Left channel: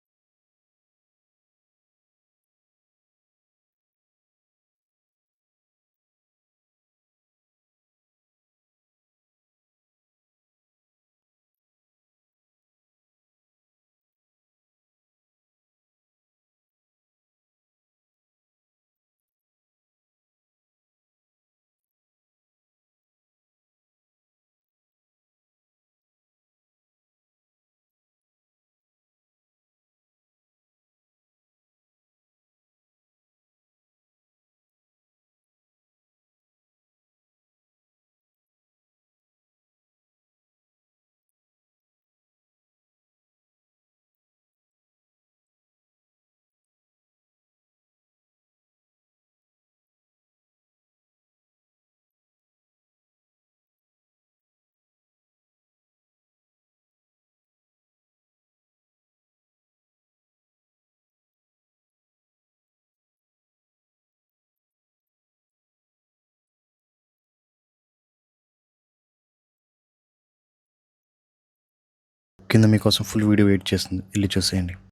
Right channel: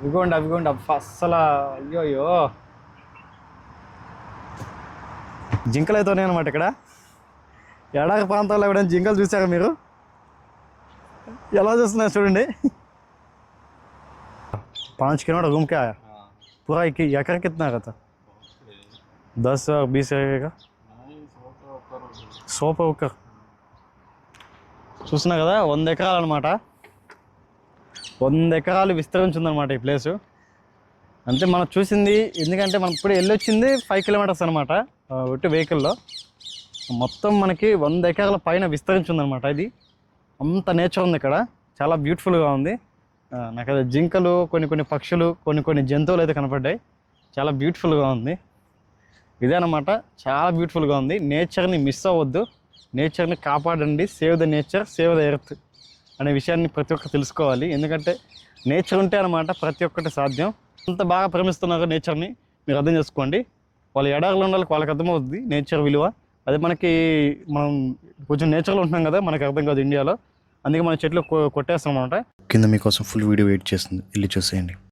అవిగోండి అస్సలు అయ్యో అయ్యో జింకలు అయితే ఉన్నాయి అనమాట ఇక్కడ. ఎడారి ప్రాంతాల్లో ఎవరైనా జింకలు చూసారా మీరు? ఎలా చూస్తున్నారు చూడండి. 5 किलोमीटर घूम के आया पूरा. एकड़ कितना का था? 10 और 20 रहेगा 100 पे ऊपर. చూస్తున్నా కదా 100 ఎకరాలు అనమాట. 100 ఎకరాలు విస్తరించి ఉందన్నమాట ఈ ప్లేసు. అంతే మనం చూసింది. ఎందుకంటే మనం ఇప్పుడు వెళ్ళొచ్చింది 5 కిలోమీటర్స్ అనమాట ఒట్టి వెహికల్లో. మొత్తం మనకి 100 ఎకరాల పైన విస్తరించి ఉందన్నమాట. ఇది అంత నేచర్ ఉంది ఇక్కడ, చాలా బ్యూటిఫుల్గా ఉంది. నాకు అది జింకలు, కొన్ని పక్షులు, కొన్ని జంతువులు అయితే కనపడ్డాయి. చాలా బ్యూటిఫుల్గా ఉంది. ఇదే అన్నమాట, చాలా బ్యూటిఫుల్గా ఉంది. నేచర్ని మిస్ అవ్వద్దు, నేచర్ని కాపాడండి. Save the nature, save the earth అనే విషయాన్ని ప్రతి ఒక్కరు తెలుసుకోవాలి. ఎందుకంటే నేచర్ ఉంటే అన్నమాట ప్రతి ఒక్కటి సాధ్యం. అంత బాగా ప్రేమిస్తున్నారు నేచర్ని, మీరు అర్థం చేసుకోండి. వాళ్ళ ఎడారిలో ఉన్న వాళ్ళకి అర్థమవుతుంది నేచర్ విలువ. అదే మనం కొంచెం నేచర్లో ఉంటున్నాం కదా, మనకు అర్థం కాదు ఇండియాలో. అందుకే మన చెట్లు కొట్టేస్తాం అనమాట. కింద మీకోసం ఫుల్ వీడియో వెయిట్ చేస్తుంది, వెళ్ళి చూసేయండి.